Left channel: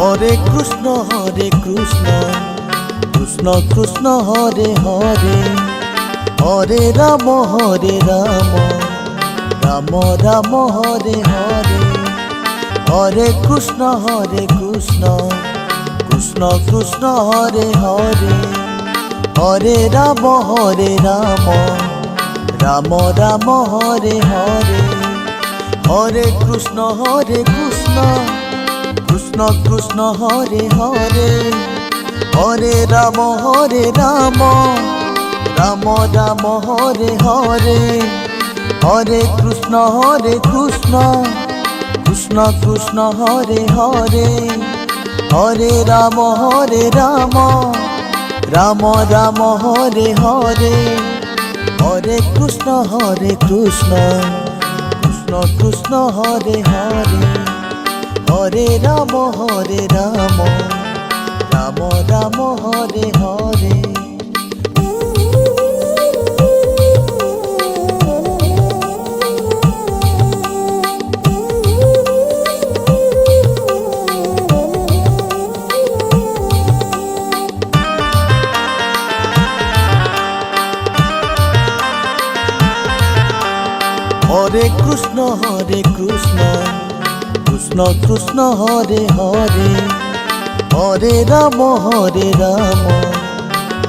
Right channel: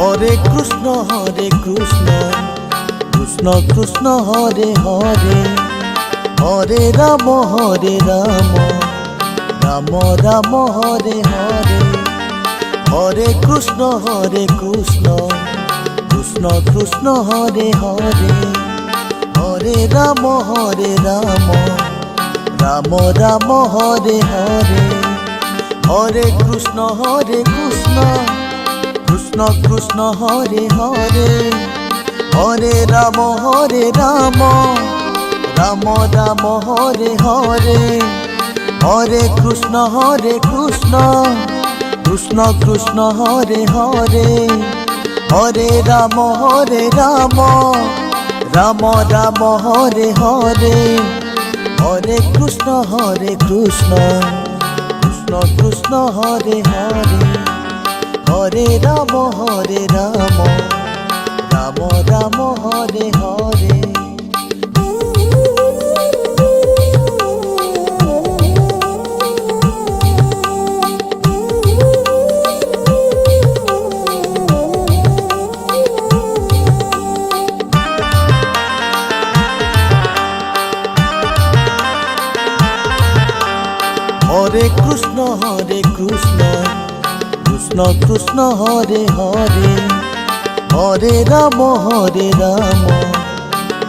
Hare Krishna Krishna Krishna Hare Hare, Hare Ram Ram Ram Hare Hare, Hare Krishna Krishna Krishna Hare Hare, Hare Ram Ram Ram Hare Hare, Hare Krishna Krishna Krishna Hare Hare, Hare Ram Ram Ram Hare Hare, Hare Krishna Krishna Krishna Hare Hare, Hare Ram Ram Ram Hare Hare, Hare Krishna Krishna Krishna Hare Hare, Hare Ram Ram Ram Hare Hare. Hare Krishna Krishna Krishna Hare Hare, Hare Ram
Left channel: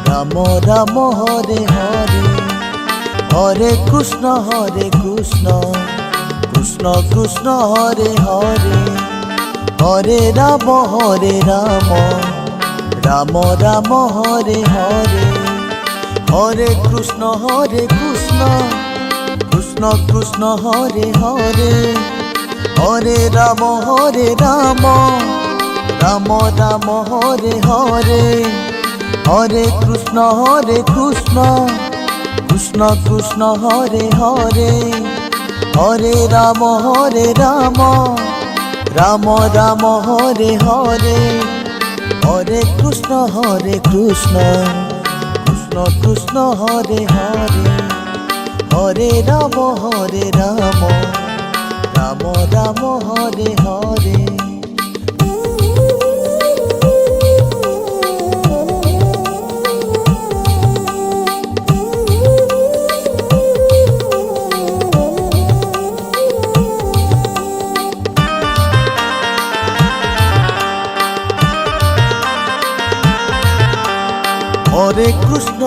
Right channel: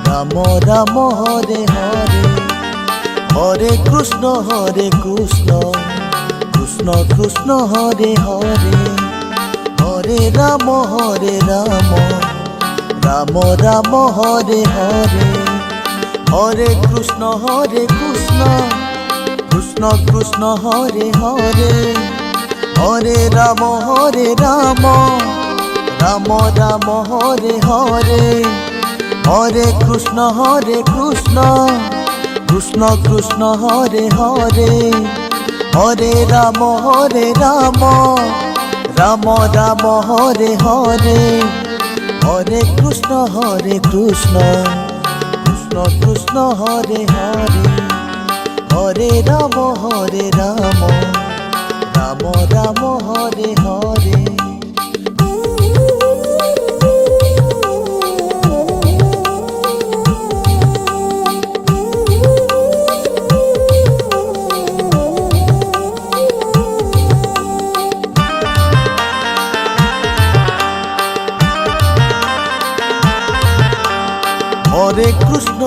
Ram Ram Hare Hare, Hare Krishna Krishna Krishna Hare Hare, Hare Ram Ram Ram Hare Hare, Hare Krishna Krishna Krishna Hare Hare, Hare Ram Ram Ram Hare Hare, Hare Krishna Krishna Krishna Hare Hare, Hare Ram Ram Ram Hare Hare, Hare Krishna Krishna Krishna Hare Hare, Hare Ram Ram Ram Hare Hare. Hare Krishna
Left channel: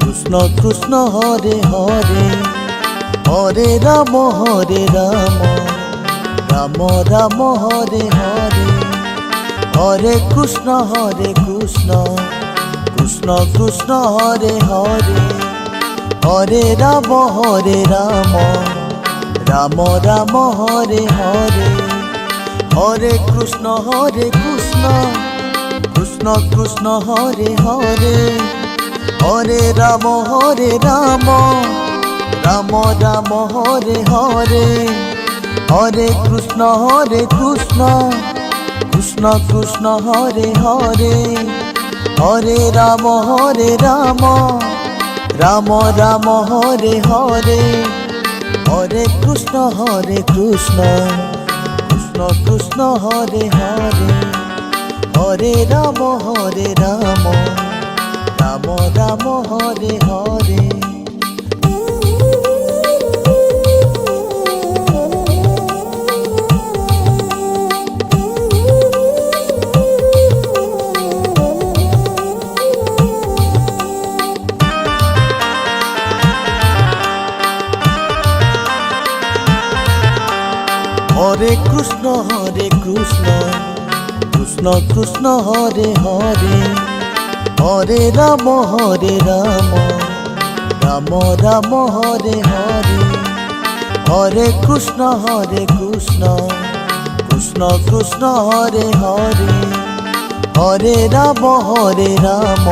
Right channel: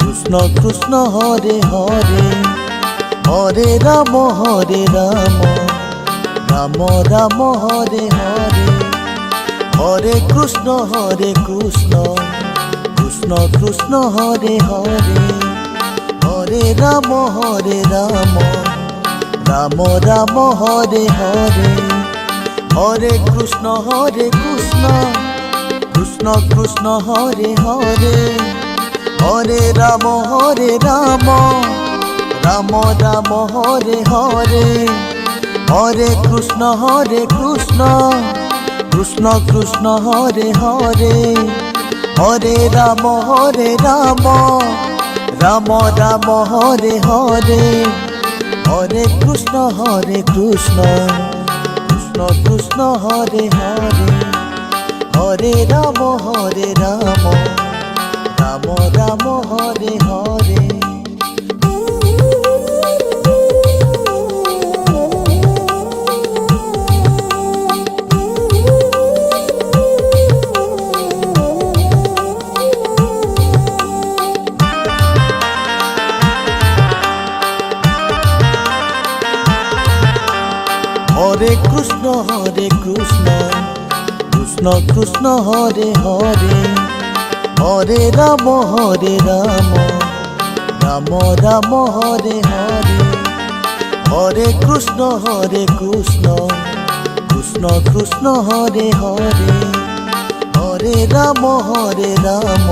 Krishna Krishna Hare Hare, Hare Ram Ram Ram Hare Hare, Hare Krishna Krishna Krishna Hare Hare, Hare Ram Ram Ram Hare Hare, Hare Krishna Krishna Krishna Hare Hare, Hare Ram Ram Ram Hare Hare, Hare Krishna Krishna Krishna Hare Hare, Hare Ram Ram Ram Hare Hare, Hare Krishna Krishna Krishna Hare Hare, Hare Ram Ram Ram Hare Hare. Hare Krishna Krishna Krishna Hare Hare, Hare Ram Ram Ram Hare Hare, Hare Krishna Krishna Krishna Hare Hare, Hare Ram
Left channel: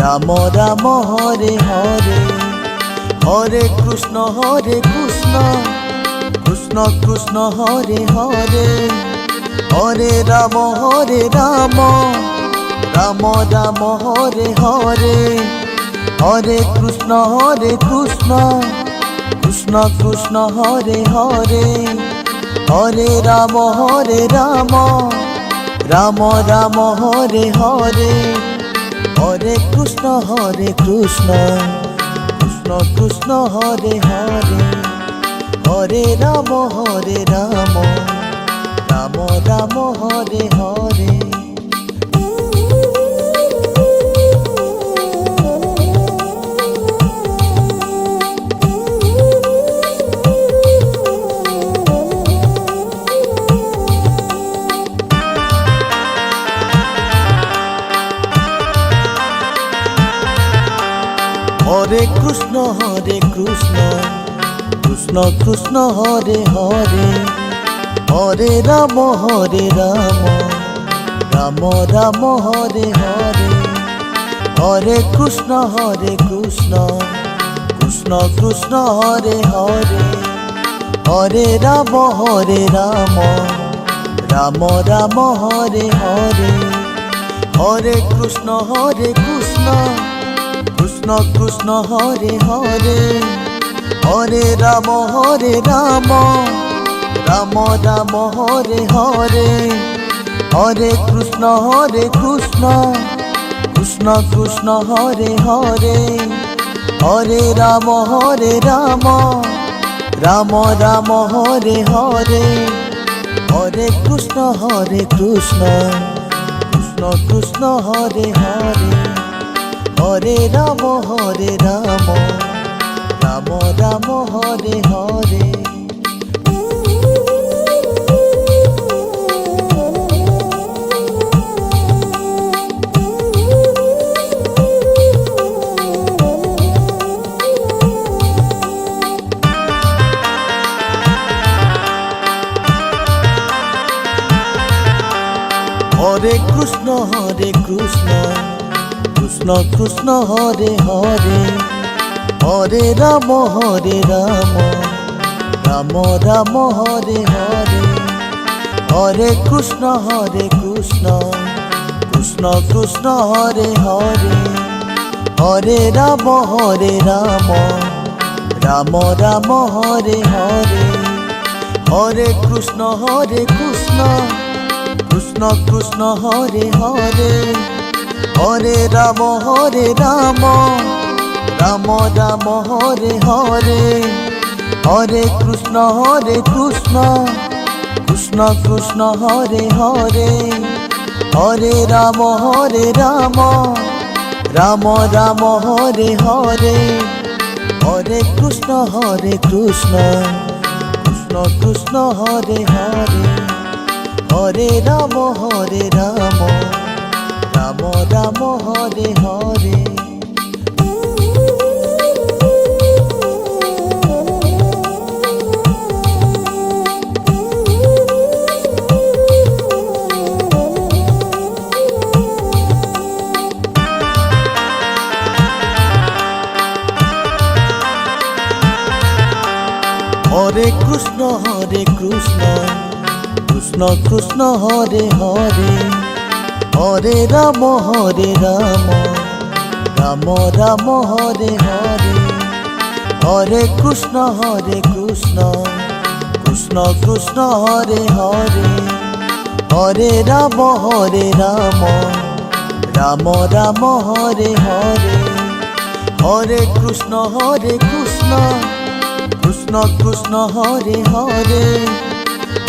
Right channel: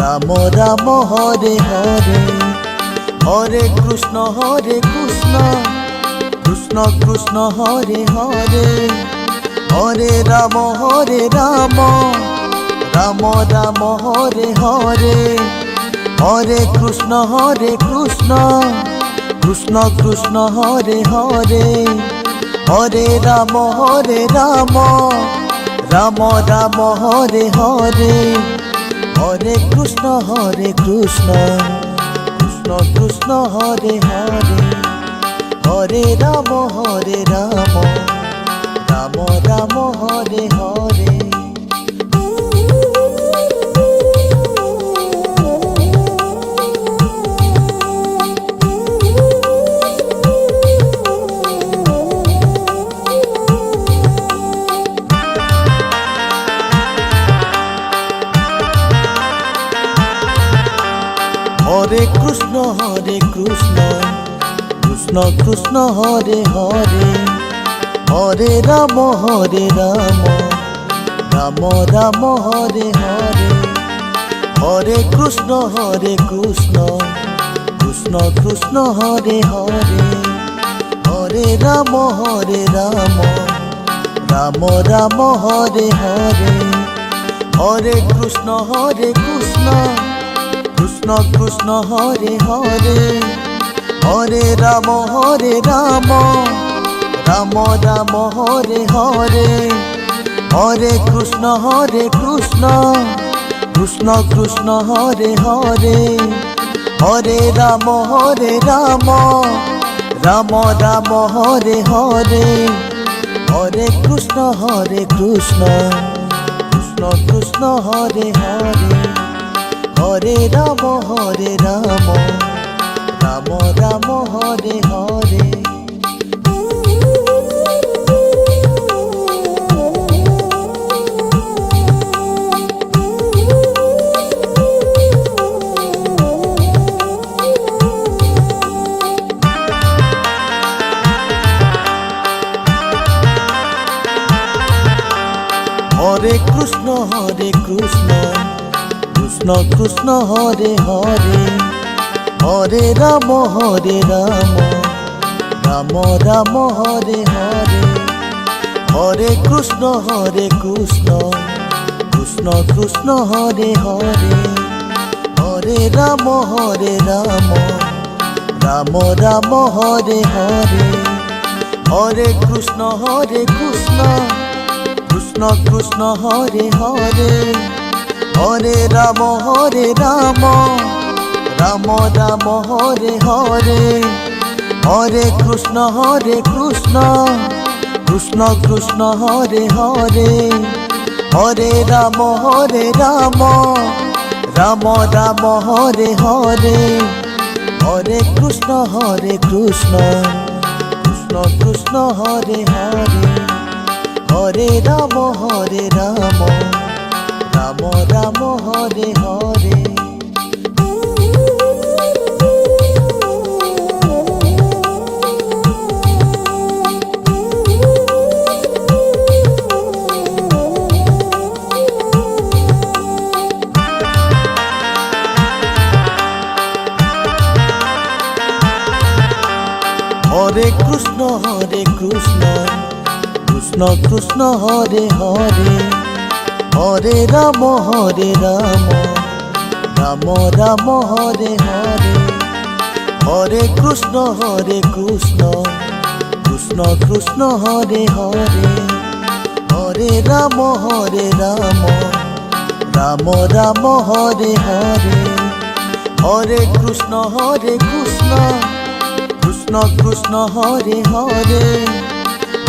Ram Ram Hare Hare, Hare Krishna Krishna Krishna Hare Hare, Hare Ram Ram Ram Hare Hare, Hare Krishna Krishna Krishna Hare Hare, Hare Ram Ram Ram Hare Hare, Hare Krishna Krishna Krishna Hare Hare, Hare Ram Ram Ram Hare Hare. Hare Krishna Krishna Krishna Hare Hare, Hare Ram Ram Ram Hare Hare, Hare Krishna Krishna Krishna Hare Hare, Hare Ram Ram Ram Hare Hare, Hare Krishna Krishna Krishna Hare Hare, Hare Ram Ram Ram Hare Hare, Hare Krishna Krishna Krishna Hare Hare, Hare Ram Ram Ram Hare Hare, Hare Krishna Krishna Krishna Hare Hare, Hare Ram Ram Ram Hare Hare. Hare Krishna Krishna Krishna Hare Hare, Hare Ram Ram Ram Hare Hare, Hare Krishna Krishna Krishna Hare Hare, Hare Ram Ram Ram Hare Hare, Hare Krishna Krishna Krishna Hare Hare, Hare Ram Ram Ram Hare Hare, Hare Krishna Krishna Krishna Hare Hare, Hare Ram Ram Ram Hare Hare, Hare Krishna Krishna Krishna Hare Hare, Hare Ram Ram Ram Hare Hare. Hare Krishna Krishna Krishna Hare Hare, Hare Ram Ram Ram Hare Hare, Hare Krishna Krishna Hare Hare, Hare Ram Ram Ram Hare Hare, Hare Krishna Krishna Hare Hare,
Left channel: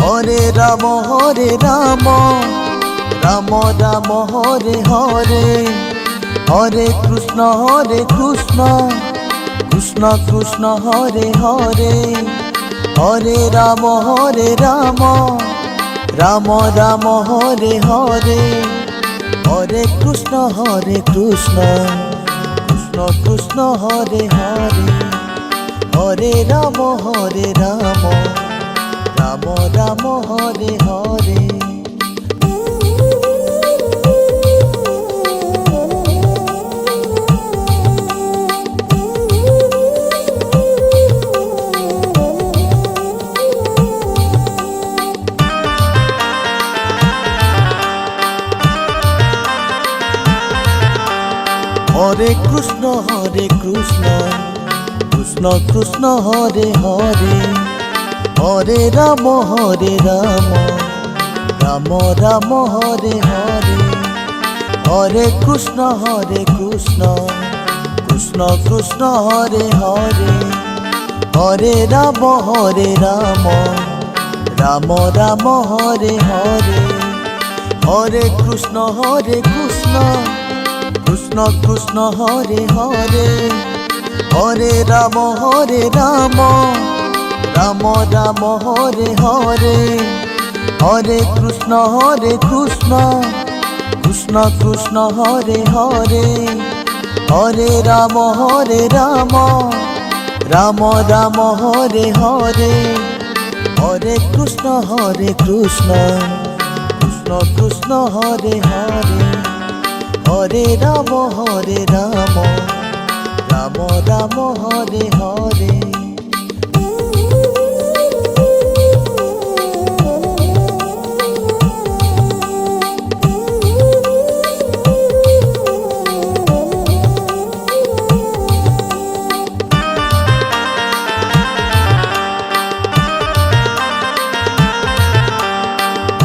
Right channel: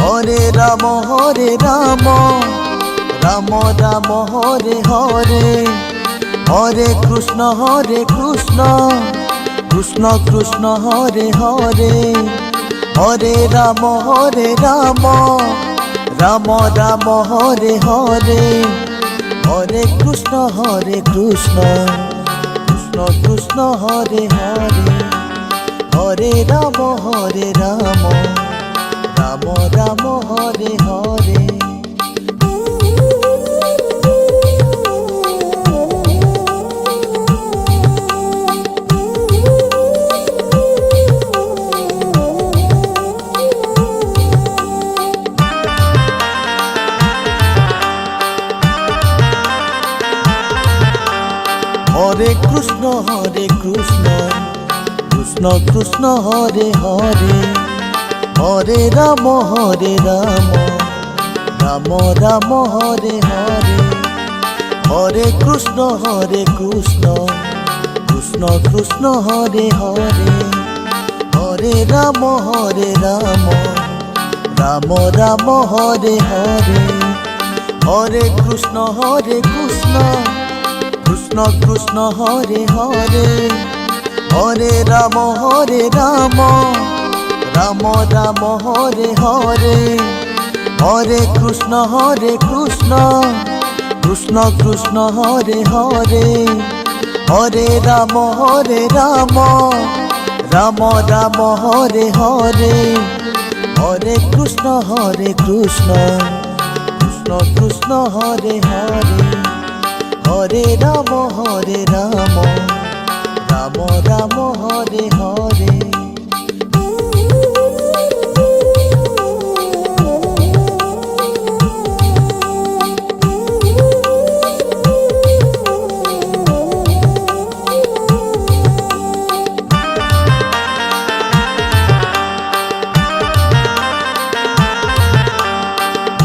Hare Ram Ram Ram Hare Hare, Hare Krishna Krishna Hare Hare, Hare Ram Ram Ram Hare Hare, Hare Krishna Krishna Hare Hare, Hare Ram Ram Ram Hare Hare. Hare Krishna Krishna Krishna Hare Hare, Hare Ram Ram Ram Hare Hare, Hare Krishna Krishna Krishna Hare Hare, Hare Ram Ram Ram Hare Hare, Hare Krishna Krishna Krishna Hare Hare, Hare Ram Ram Ram Hare Hare, Hare Krishna Krishna Krishna Hare Hare, Hare Ram Ram Ram Hare Hare, Hare Krishna Krishna Krishna Hare Hare, Hare Ram Ram Ram Hare Hare.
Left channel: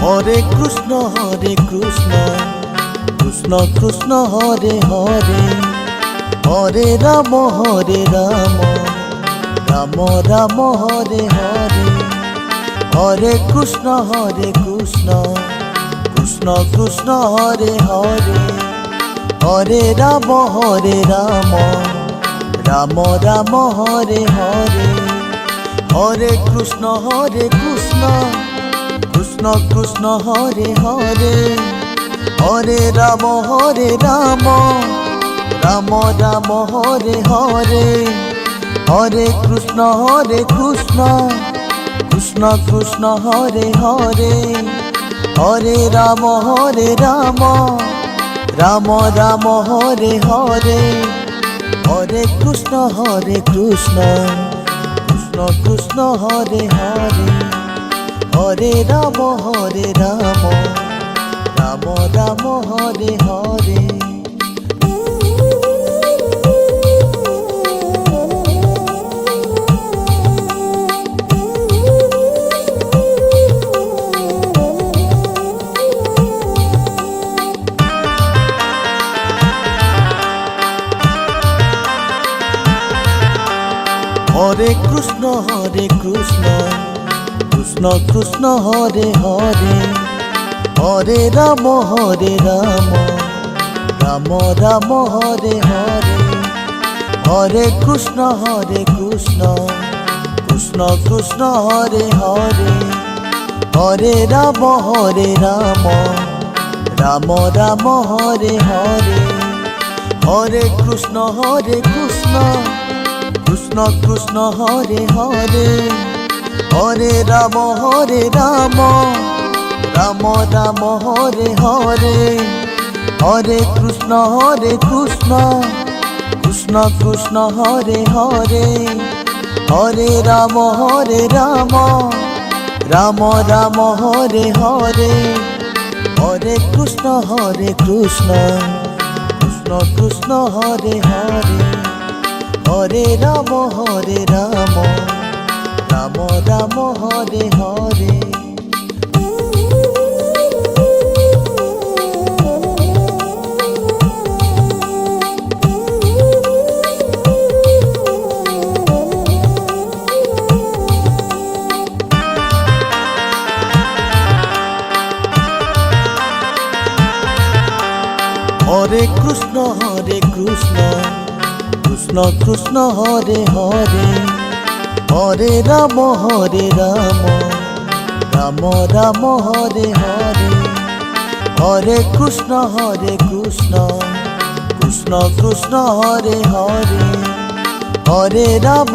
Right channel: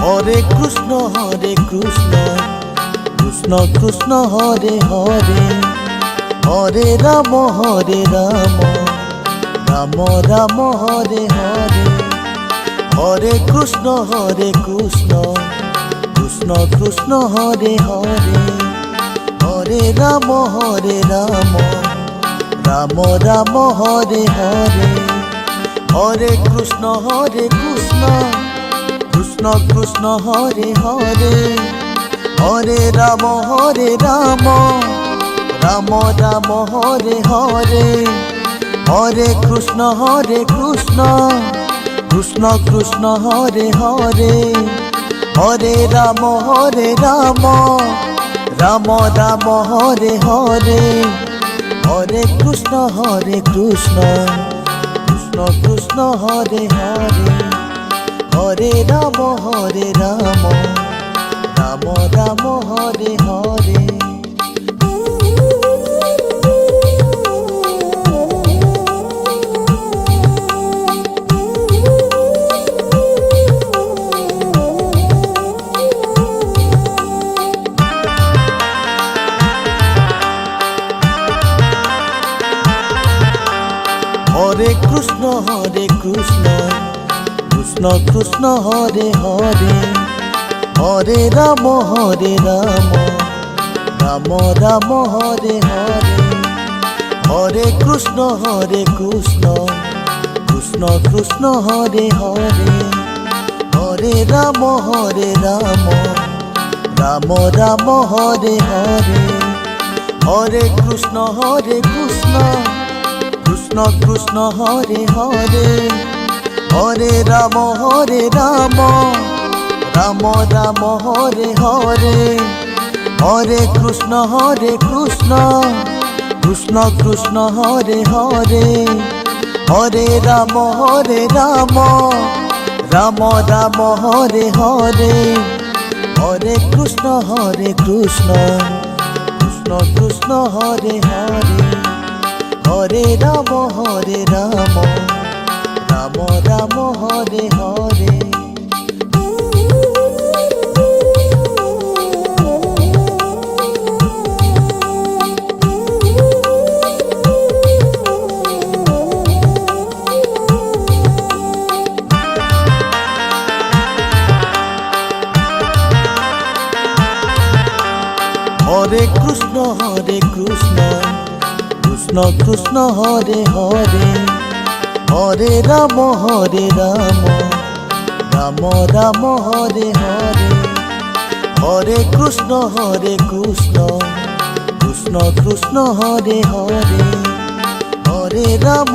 Hare Krishna Krishna Krishna Hare Hare, Hare Ram Ram Ram Hare Hare, Hare Krishna Krishna Krishna Hare Hare, Hare Ram Ram Ram Hare Hare, Hare Krishna Krishna Krishna Hare Hare, Hare Ram Ram Ram Hare Hare, Hare Krishna Krishna Krishna Hare Hare, Hare Ram Ram Ram Hare Hare, Hare Krishna Krishna Krishna Hare Hare, Hare Ram Ram Ram Hare Hare. Hare Krishna Krishna Krishna Hare Hare, Hare Ram Ram Ram Hare Hare, Hare Krishna Krishna Hare Hare, Hare Ram Ram Ram Hare Hare, Hare Krishna Krishna Hare Hare, Hare Ram Ram Ram Hare Hare, Hare Krishna Krishna Hare Hare, Hare Ram Ram Ram Hare Hare, Hare Krishna Krishna Hare Hare, Hare Ram Ram Ram Hare Hare. Hare Krishna Krishna Hare Hare, Hare Ram Ram Ram Hare Hare, Hare Krishna Krishna Hare Hare, Hare Ram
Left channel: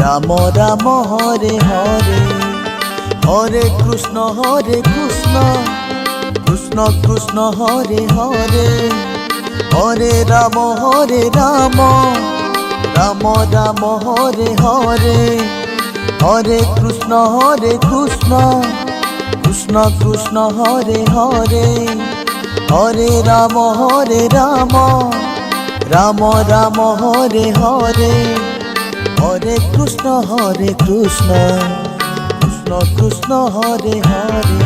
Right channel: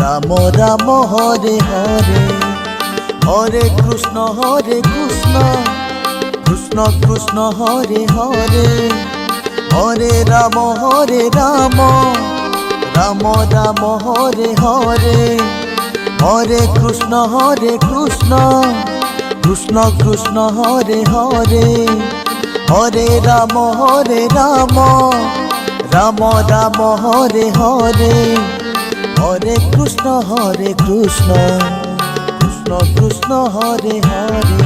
Ram Ram Hare Hare, Hare Krishna Krishna Hare Hare, Hare Ram Ram Ram Hare Hare, Hare Krishna Krishna Hare Hare, Hare Ram Ram Ram Hare Hare, Hare Krishna Krishna Krishna Hare Hare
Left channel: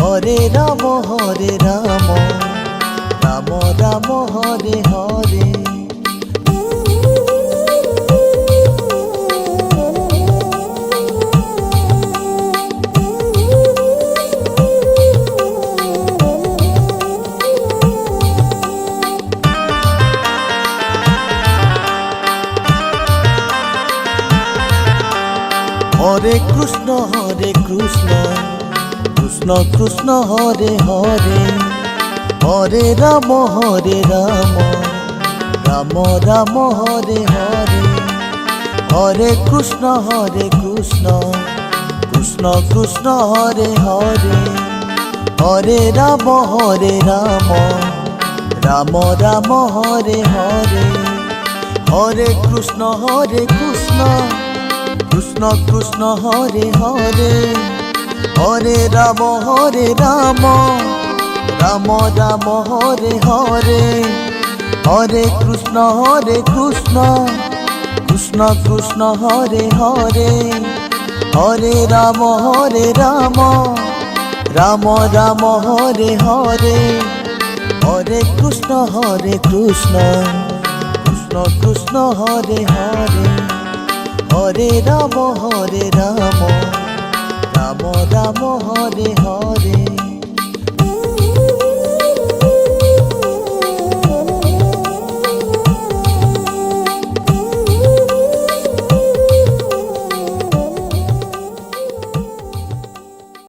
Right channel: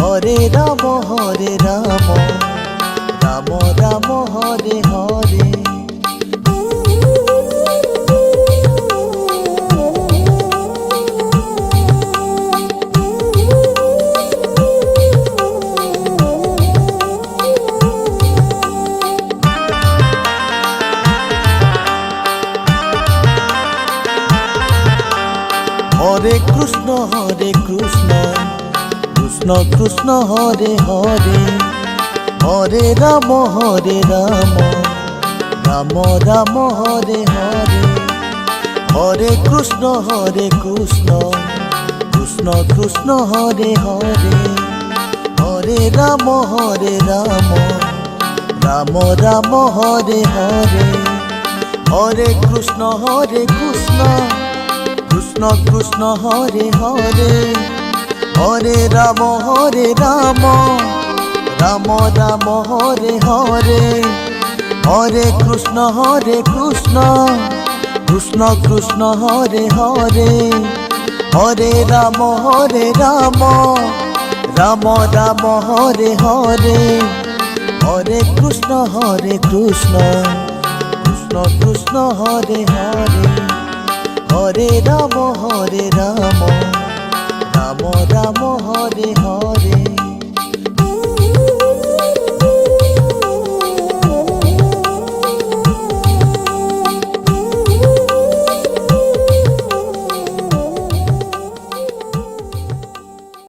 Hare Ram Ram Ram Hare Hare Hare Krishna Krishna Krishna Hare Hare Hare Ram Ram Ram Hare Hare Hare Krishna Krishna Krishna Hare Hare Hare Ram Ram Ram Hare Hare Hare Krishna Krishna Krishna Hare Hare Hare Ram Ram Ram Hare Hare Hare Krishna Krishna Krishna Hare Hare Hare Ram Ram Ram Hare Hare Hare Krishna Krishna Krishna Hare Hare Hare Ram Ram Ram Hare Hare.